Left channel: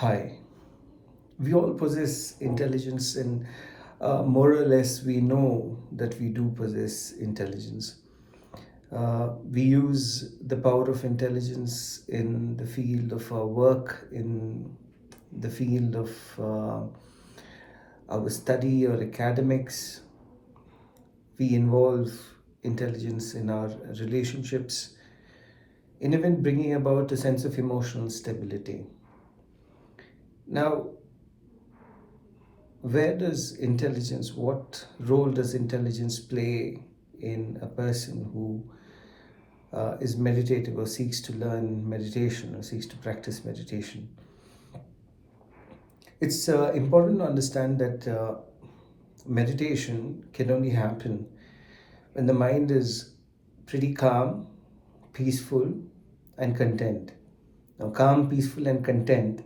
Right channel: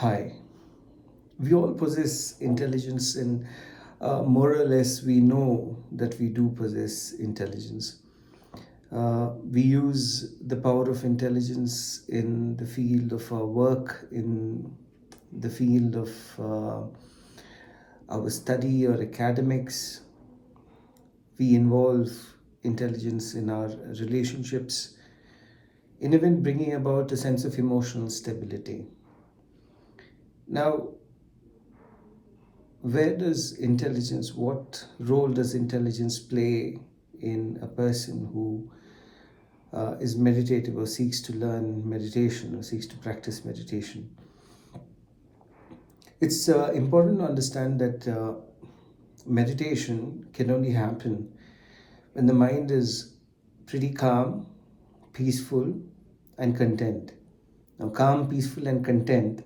Hi. We all possess intelligence, and more or less, we know that we do possess intelligence. We use the power of intelligence in the field of our work, in the field of our study or academics. We involve intelligence in our relationships, in even bringing about a sense of emotional stability. Now, where does intelligence, what role does intelligence play in a person who is meditative or seeks to learn meditation or seeks to practice meditation? It's important to understand that meditation can only happen when the mind is pretty calm, peaceful, and content. Now, calm, peaceful, and content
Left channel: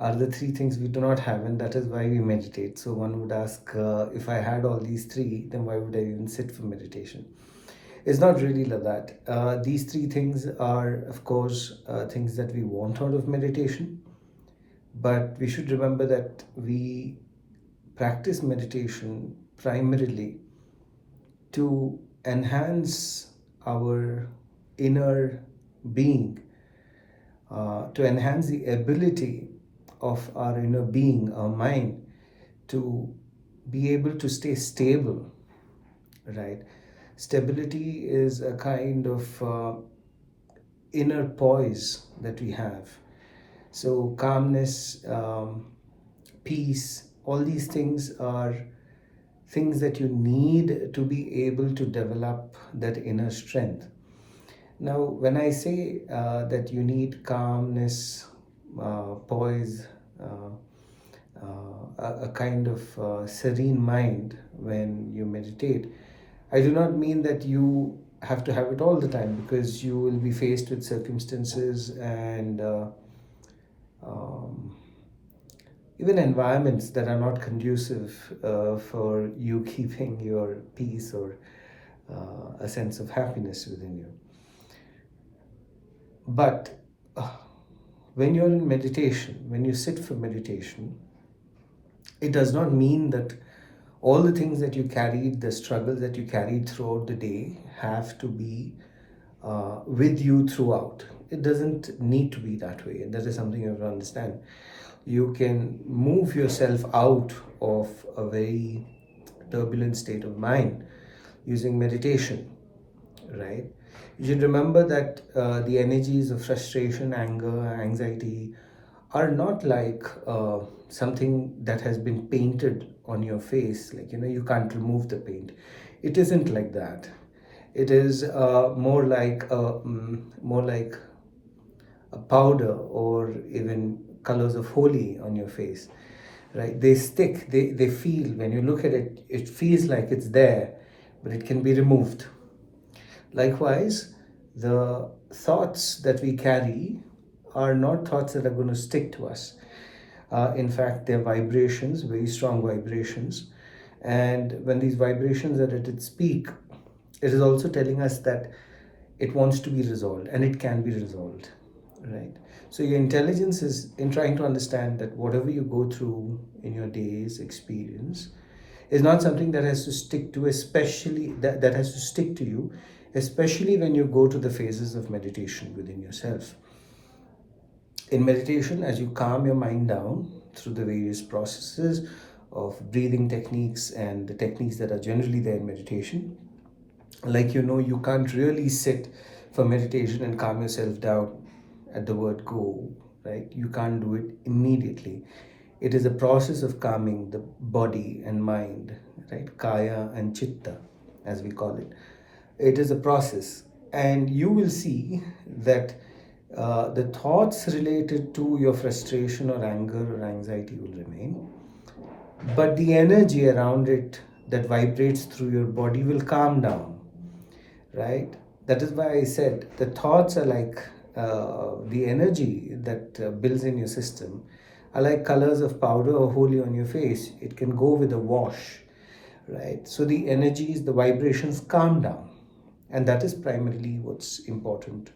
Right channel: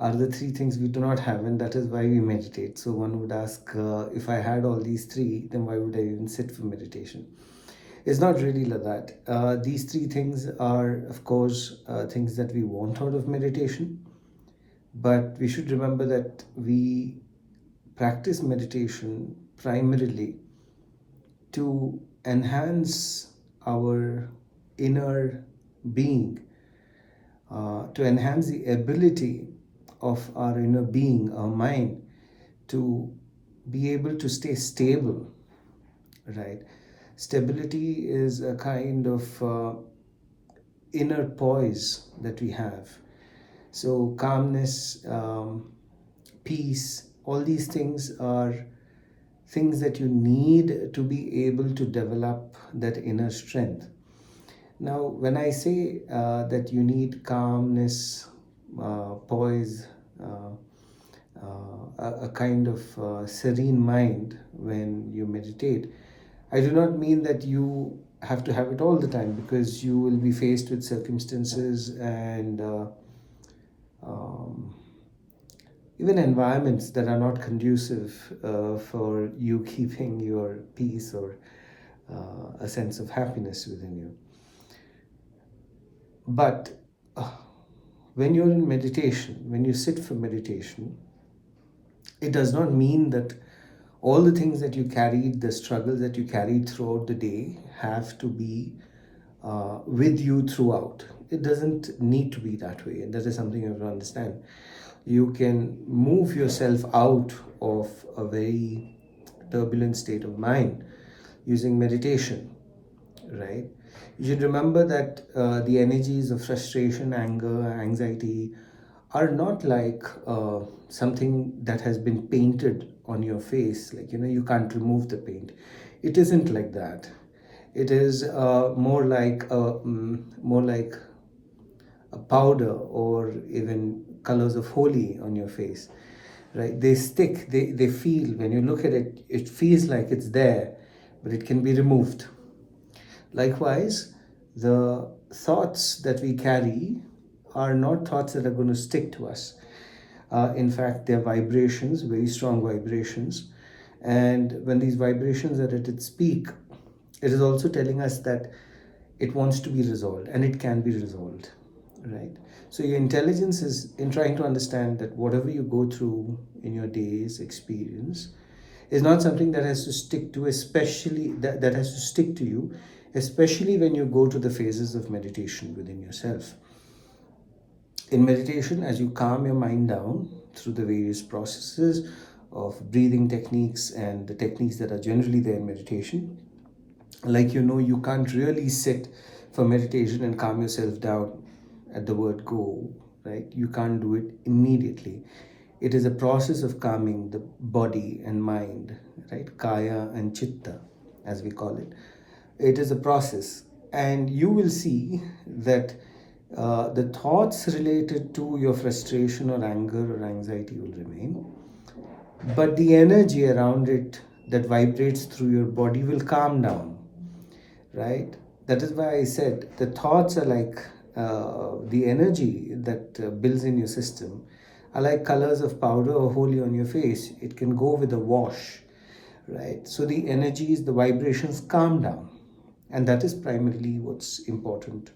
are the three things we do not have, and that is why we meditate. So, one would ask, if I had all these three, then why would I even sit for meditation? It's not really like that. These three things are, of course, things that we want out of meditation, but we should remember that we practice meditation primarily to enhance our inner being, to enhance the ability of our inner being, our mind, to be able to stay stable, right? Stability is a kind of inner poise that we have. So, calmness, peace, all these things are things that you need to be able to develop that inner strength. Now, when I say that you need calmness, poise, uh, a kind of serene mind when you meditate, I do not mean that you have to have it all the time, because you will be faced with circumstances and um, even environments that are not conducive for you keeping your peace or a sense of happiness within you. But when you're in meditation, when you sit for meditation, it does not mean that all the things that you carried, the struggles that you carried throughout the day, have to be with you throughout. It doesn't need to be that way, and that is something you have to understand. You can move yourself out of a very turbulent state of mind using meditation, right? You should remember that the energies of frustration, anger, anxiety are not like something that has been painted on your face. Like, you can't remove the paint. It isn't like that. It is more like a powder, or even colors of holy on your face, right? They stick, they feel, when you look at it, it feels like it's there, but it can be removed. Likewise, the thoughts that we carry are not thoughts that are going to stick to us. In fact, they're vibrations, very strong vibrations. And when these vibrations are at its peak, it is also telling us that it wants to be resolved, and it can be resolved, right? So, your intelligence is in trying to understand that whatever you go through in your day's experience is not something that has to stick to, especially that has to stick to you, especially when you go to the phases of meditation within yourself. In meditation, as you calm your mind down through the various processes of breathing techniques and the techniques that are generally there in meditation, like, you can't really sit for meditation and calm yourself down at the word go, right? You can't do it immediately. It is a process of calming the body and mind, right? Kaya and chitta, as we call it. It is a process, and you will see that the thoughts related to your frustration or anger or anxiety will remain, but the energy around it that vibrates through your body will calm down, right? That is why I said the thoughts are like the energy that builds in your system are like colors of powder or holy on your face. It can go with a wash, right? So the energies, the vibrations calm down, and that is primarily what's important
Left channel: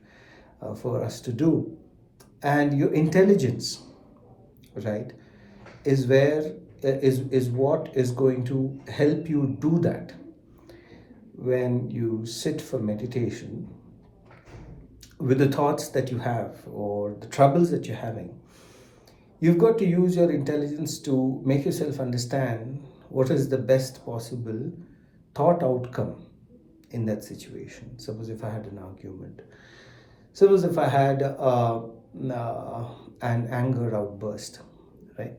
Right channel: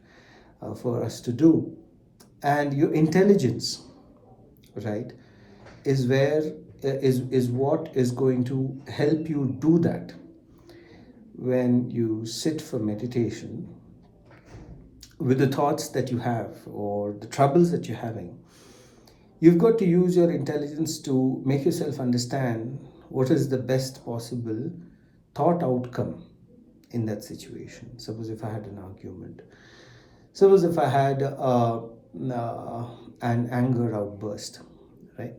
for us to do. And your intelligence, right, is where is what is going to help you do that. When you sit for meditation with the thoughts that you have or the troubles that you're having, you've got to use your intelligence to make yourself understand what is the best possible thought outcome in that situation. Suppose if I had an argument, suppose if I had an anger outburst, right?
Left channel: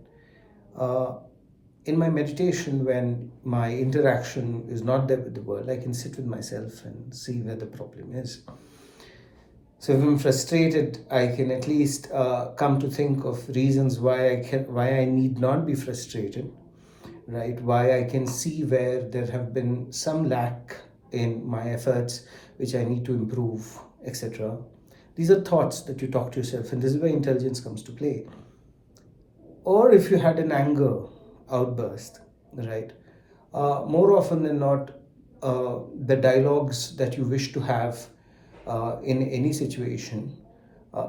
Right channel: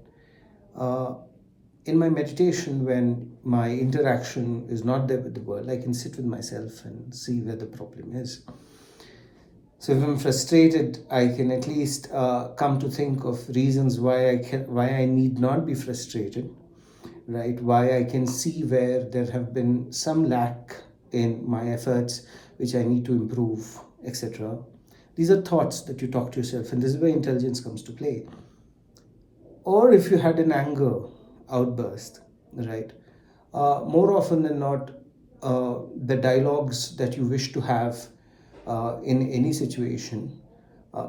Uh, in my meditation, when my interaction is not there with the world, I can sit with myself and see where the problem is. So if I'm frustrated, I can at least come to think of reasons why I need not be frustrated, right? Why I can see where there have been some lack in my efforts, which I need to improve, etc. These are thoughts that you talk to yourself, and this is where intelligence comes to play. Or if you had an anger outburst, right? More often than not, the dialogues that you wish to have in any situation,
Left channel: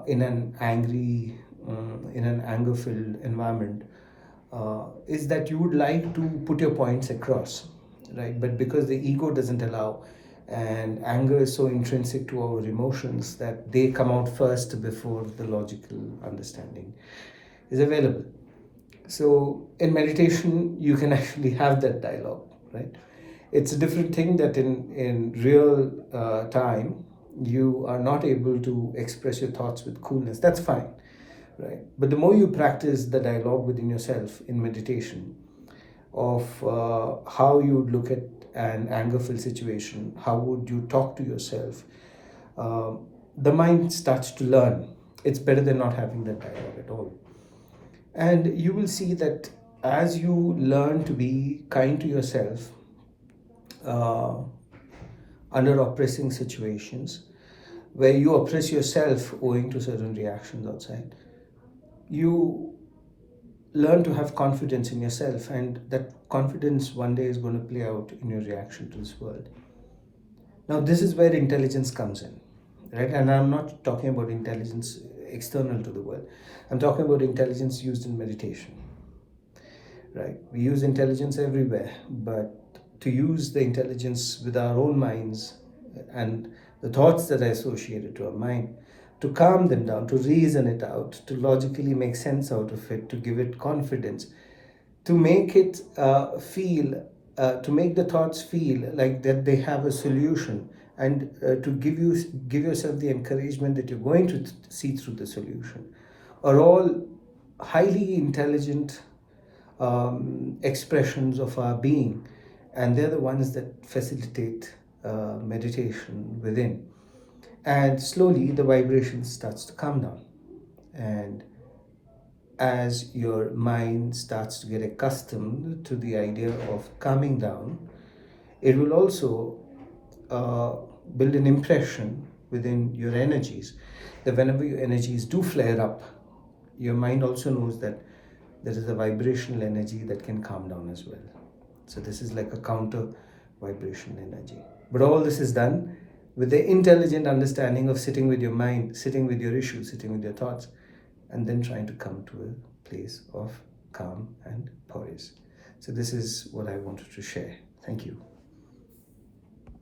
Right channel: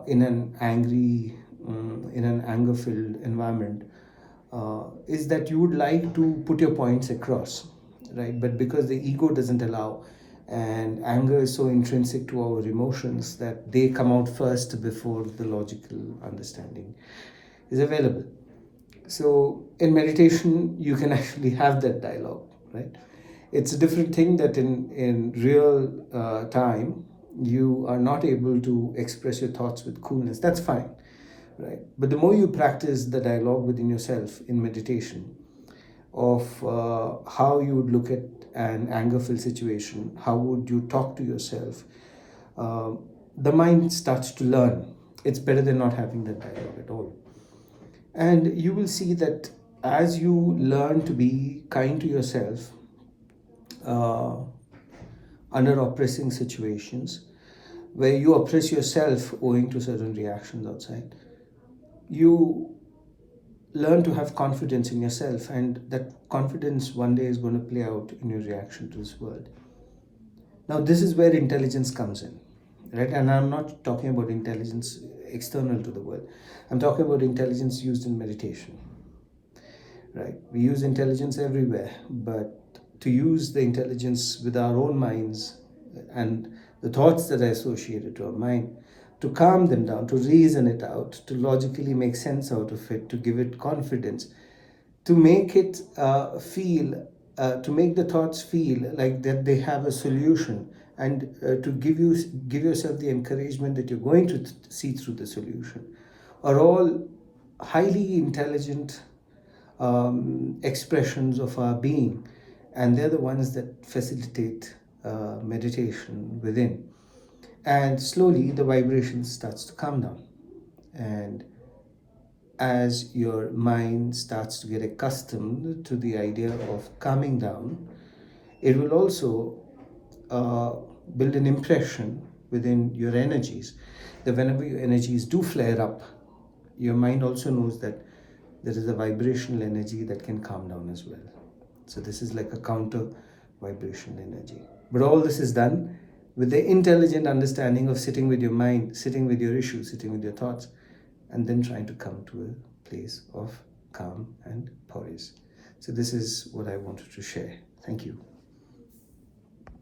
in an anger-filled environment, is that you would like to put your points across, right? But because the ego doesn't allow, and anger is so intrinsic to our emotions that they come out first before the logical understanding is available. So in meditation, you can actually have that dialogue, right? It's a different thing that in real time, you are not able to express your thoughts with coolness. That's fine, right? But the more you practice the dialogue within yourself in meditation, of how you would look at an anger-filled situation, how would you talk to yourself, the mind starts to learn. It's better than not having that dialogue at all. And you will see that as you learn to be kind to yourself uh, under oppressing situations, where you oppress yourself owing to certain reactions outside, you learn to have confidence in yourself, and that confidence one day is going to play out in your reaction to this world. Now, this is where intelligence comes in, right? And I'm not talking about intelligence external to the world, I'm talking about intelligence used in meditation, right? We use intelligence everywhere, but to use the intelligence with our own minds and the thoughts that are associated to our mind, to calm them down, to reason it out, to logically make sense out of it, to give it confidence, to make it to make the thoughts feel like that they have a solution, and to give yourself the encouragement that you're going to see through the solution, are all highly intelligent expressions of our being, and they're the ones that facilitate meditation within. And slowly the vibration starts to calm down, and as your mind starts to get accustomed to the idea of calming down, it will also uh, build an impression within your energies, that whenever your energies do flare up, your mind also knows that there is a vibrational energy that can calm down as well. So this is like a counter vibrational energy. But all this is done with the intelligent understanding of sitting with your mind, sitting with your issues, sitting with your thoughts, and then trying to come to a place of calm and poise. So this is what I wanted to share. Thank you.